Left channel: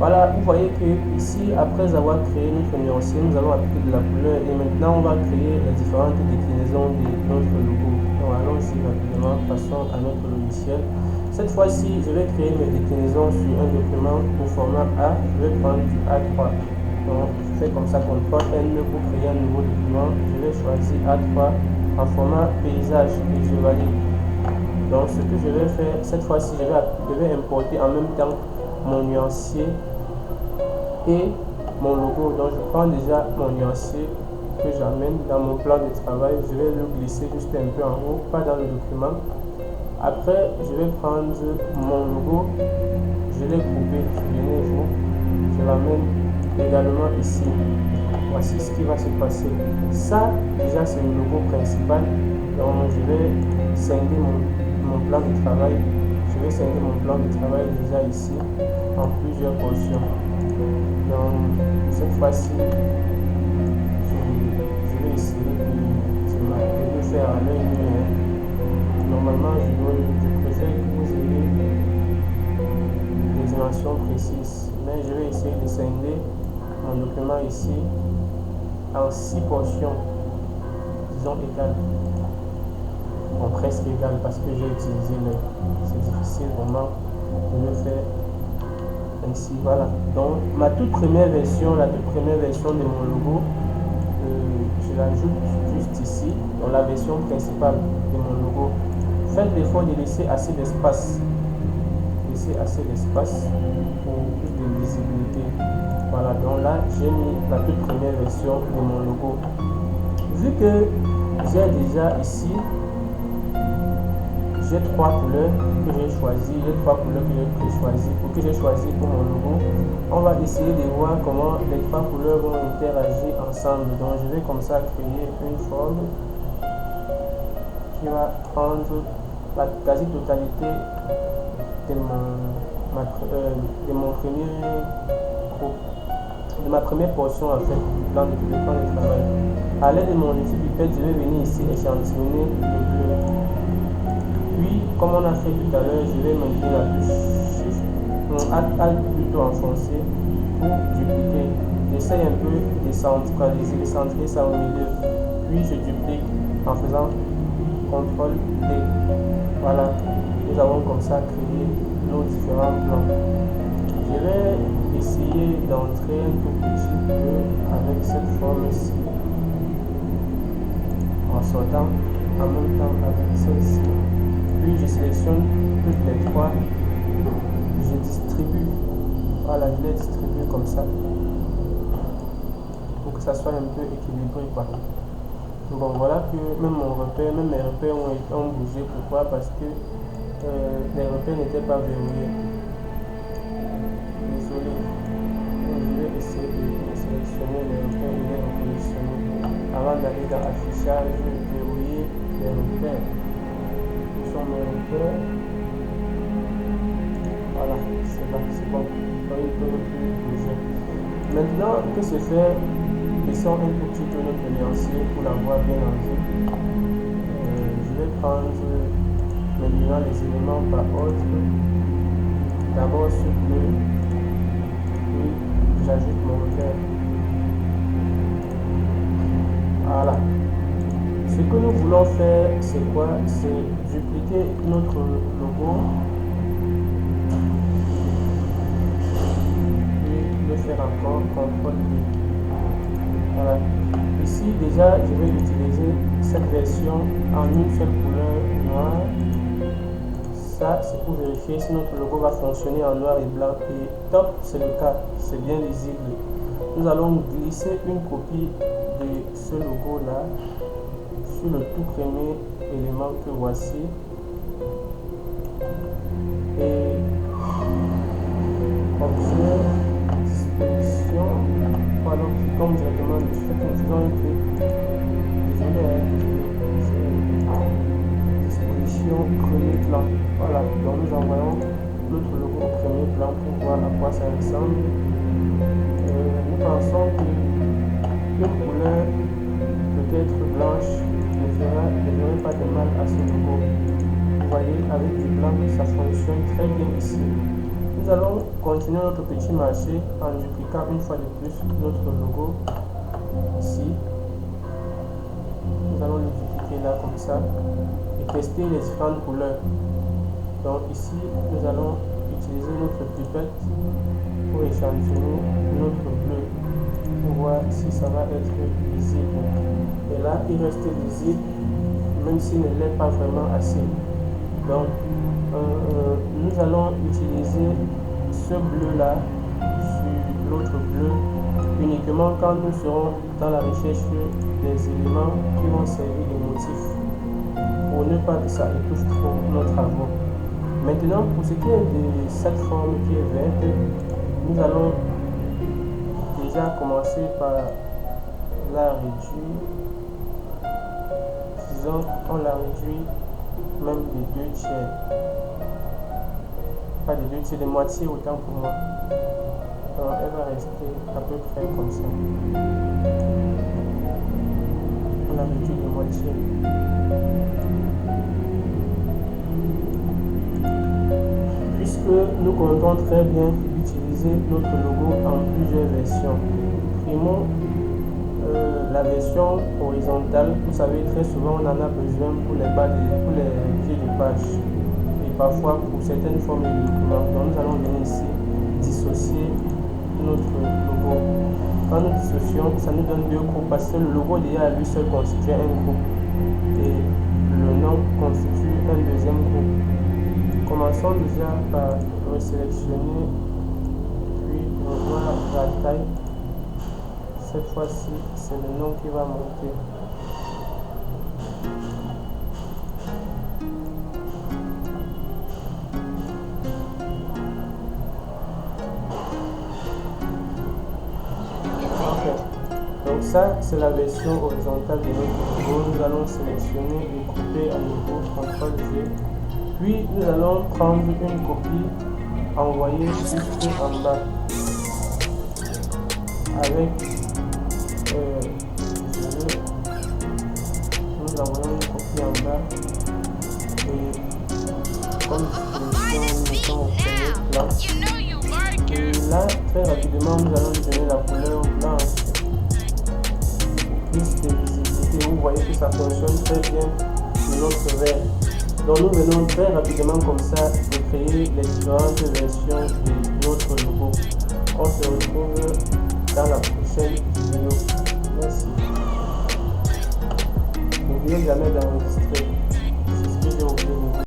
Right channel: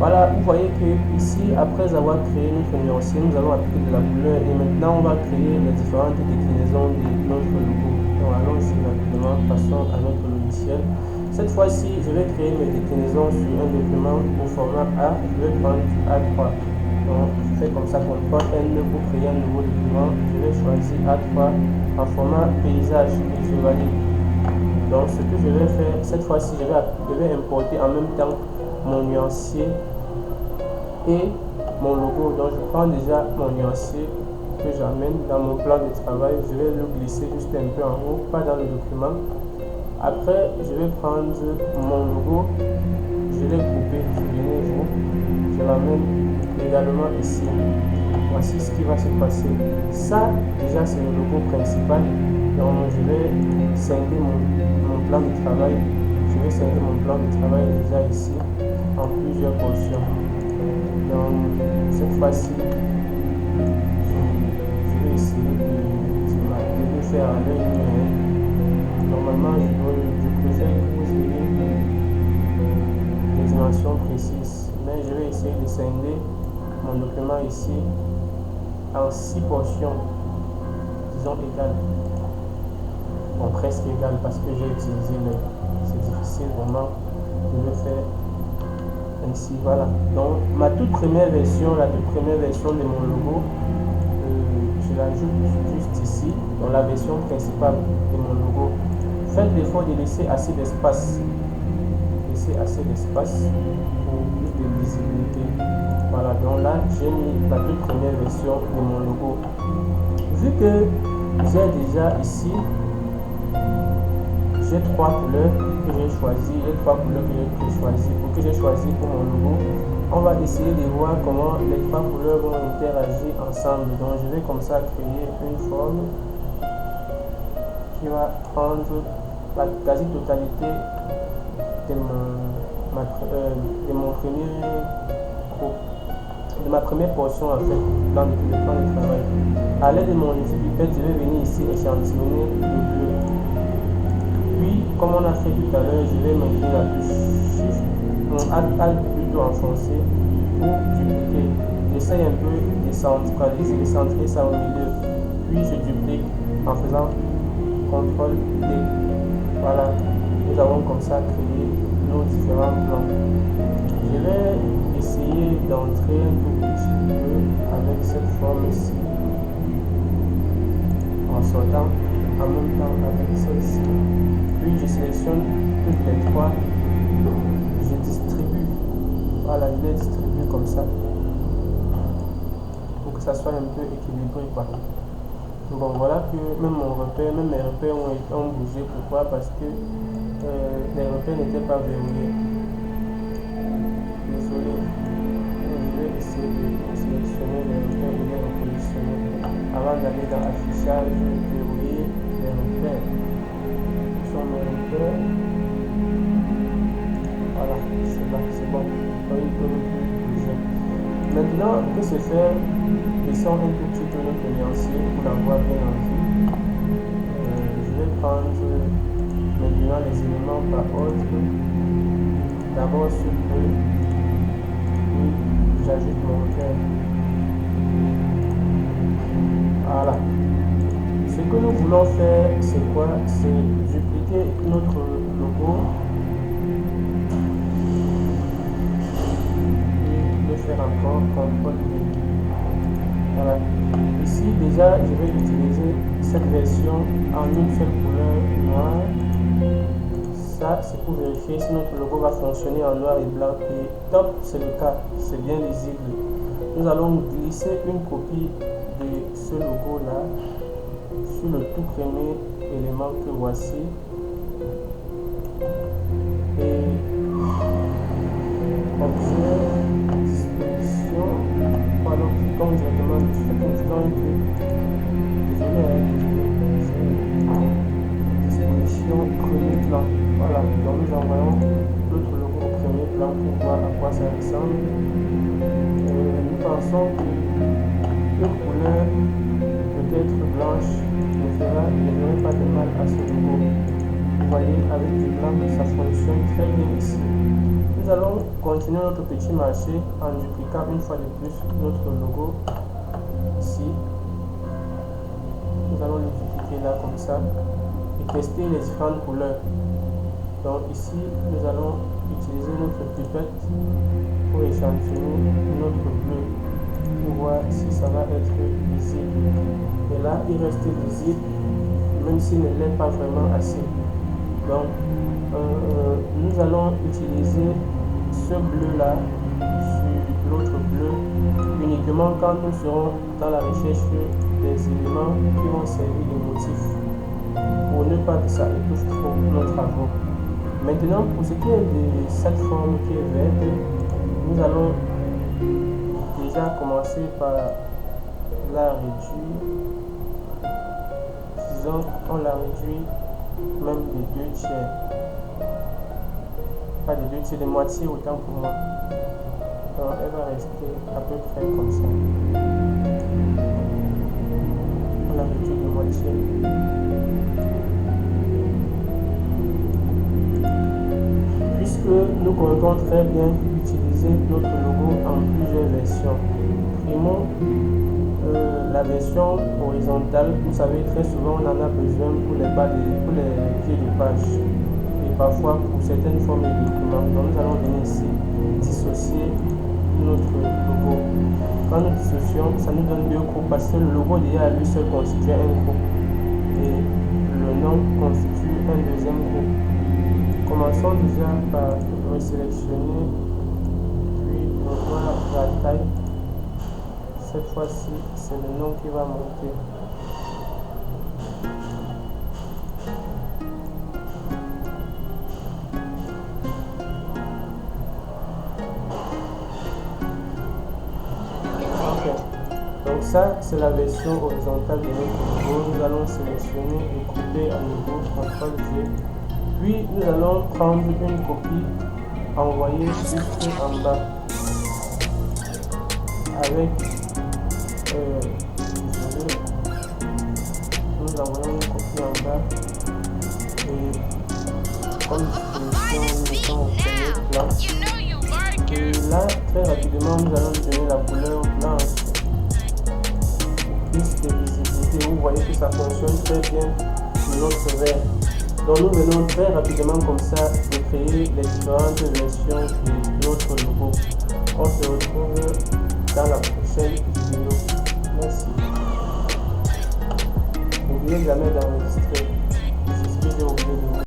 Voilà, vous voyez que ici, après avoir créé notre nuancier, nous allons appliquer de la couleur et maintenant on va créer les différentes déclinaisons de notre logo. Donc allons-y rapidement, passons à notre logiciel. Cette fois-ci, je vais créer mes déclinaisons sur un document au format A. Je vais prendre du A3. Donc je fais comme ça, CTRL N pour créer un nouveau document. Je vais choisir A3 en format paysage et je valide. Donc ce que je vais faire cette fois-ci, je vais importer en même temps mon nuancier et mon logo. Donc je prends déjà mon nuancier que j'amène dans mon plan de travail. Je vais le glisser juste un peu en haut, pas dans le document. Après, je vais prendre mon logo, je l'ai coupé, souvenez-vous, je l'amène également ici. Voici ce qui va se passer. Ça, déjà, c'est le logo principal. Donc, je vais scinder mon plan de travail. Je vais scinder mon plan de travail déjà ici en plusieurs portions. Donc, cette fois-ci, je vais essayer de le faire à l'œil nu. Normalement, je préfère que vous ayez des dimensions précises, mais je vais essayer de scinder mon document ici en 6 portions, disons égales, bon, presque égales parce que j'ai utilisé c'est difficile vraiment de le faire ainsi. Voilà, donc ma toute première version, la toute première version de mon logo, je l'ajoute juste ici, dans la version principale de mon logo. Faites l'effort de laisser assez d'espace. Laissez assez d'espace pour plus de visibilité. Voilà, donc là, j'ai mis la toute première version de mon logo. Vu que j'ai déjà ici, j'ai 3 couleurs que j'ai choisies, j'ai 3 couleurs que j'ai choisies pour mon logo. On va essayer de voir comment les 3 couleurs vont interagir ensemble. Donc, je vais comme ça créer une forme qui va prendre la quasi-totalité de ma première portion en fait, dans le plan de travail. À l'aide de mon outil pipette, je vais venir ici échantillonner le bleu. Puis, comme on a fait tout à l'heure, je vais maintenir la touche Shift, Alt plutôt enfoncé pour dupliquer. J'essaye un peu de centraliser, de centrer ça au milieu. Puis, je duplique en faisant CTRL D. Voilà, nous avons comme ça créé nos différents plans. Je vais essayer d'entrer un tout petit peu avec cette forme-ci en sortant en même temps avec celle-ci. Puis je sélectionne toutes les 3. Je distribue. Voilà, je les distribue comme ça pour que ça soit un peu équilibré quoi. Bon, voilà que même mes repères ont bougé. Pourquoi? Parce que les repères n'étaient pas verrouillés. Désolé. Je vais essayer de sélectionner les repères et les repositionner. Avant d'aller dans affichage, verrouiller les repères. Où sont mes repères? Voilà, c'est là, c'est bon. Ils ne peuvent plus bouger. Maintenant que c'est fait, descends un tout petit peu notre nuancier pour l'avoir bien en vue. Je vais prendre maintenant les éléments par ordre. D'abord ce bleu, puis j'ajoute mon vert. Voilà. Ce que nous voulons faire, c'est quoi? C'est dupliquer notre logo et le faire encore CTRL-D. Voilà. Ici déjà je vais utiliser cette version en une seule couleur noire. Ça c'est pour vérifier si notre logo va fonctionner en noir et blanc. Et top, c'est le cas, c'est bien lisible. Nous allons glisser une copie de ce logo là sur le tout premier élément que voici. Et objet, disposition. Voilà, cliquons directement dessus, faisons un clic. Désolé, disposition, premier plan. Voilà, donc nous envoyons notre logo au premier plan pour voir à quoi ça ressemble. Nous pensons que une couleur peut-être blanche ne ferait pas de mal à ce logo. Vous voyez, avec du blanc, ça fonctionne très bien ici. Nous Nous allons continuer notre petit marché en dupliquant une fois de plus notre logo ici. Nous allons le dupliquer là comme ça et tester les différentes couleurs. Donc ici, nous allons utiliser notre pipette pour échantillonner notre bleu pour voir si ça va être lisible. Et là, il reste lisible même s'il ne l'est pas vraiment assez. Donc, nous allons utiliser ce bleu là sur l'autre bleu uniquement quand nous serons dans la recherche des éléments qui vont servir de motifs pour ne pas que ça étouffe trop nos travaux. Maintenant, pour ce qui est de cette forme qui est verte, nous allons déjà commencer par la réduire. Disons qu'on la réduit même des 2 tiers. Pas des 2 tiers, de moitié autant pour moi. Donc elle va rester à peu près comme ça. On la réduit de moitié. Puisque nous comptons très bien utiliser notre logo en plusieurs versions. Primo, la version horizontale, vous savez, très souvent on en a besoin pour les pieds de page et parfois pour certaines formes de documents. Donc nous allons venir ici dissocier notre logo. Quand nous dissocions, ça nous donne 2 groupes parce que le logo déjà à lui seul constitue un groupe et le nom constitue un deuxième groupe. Commençons déjà par resélectionner, puis revoir la taille. Cette fois-ci, c'est le nom qui va monter. Ok. Donc ça, c'est la version horizontale de notre logo. Nous allons sélectionner et couper à nouveau CTRL-G. Puis nous allons prendre une copie, envoyer juste en bas avec nous envoyons une copie en bas et comme disposition nous mettons au premier plan et là très rapidement nous allons lui donner la couleur blanche pour plus de visibilité. Vous voyez que ça fonctionne très bien sur notre verre. Donc nous venons très rapidement comme ça de créer les différentes versions de notre logo. On se retrouve dans la prochaine vidéo. Merci. N'oubliez jamais d'enregistrer. C'est ce que j'ai oublié de vous.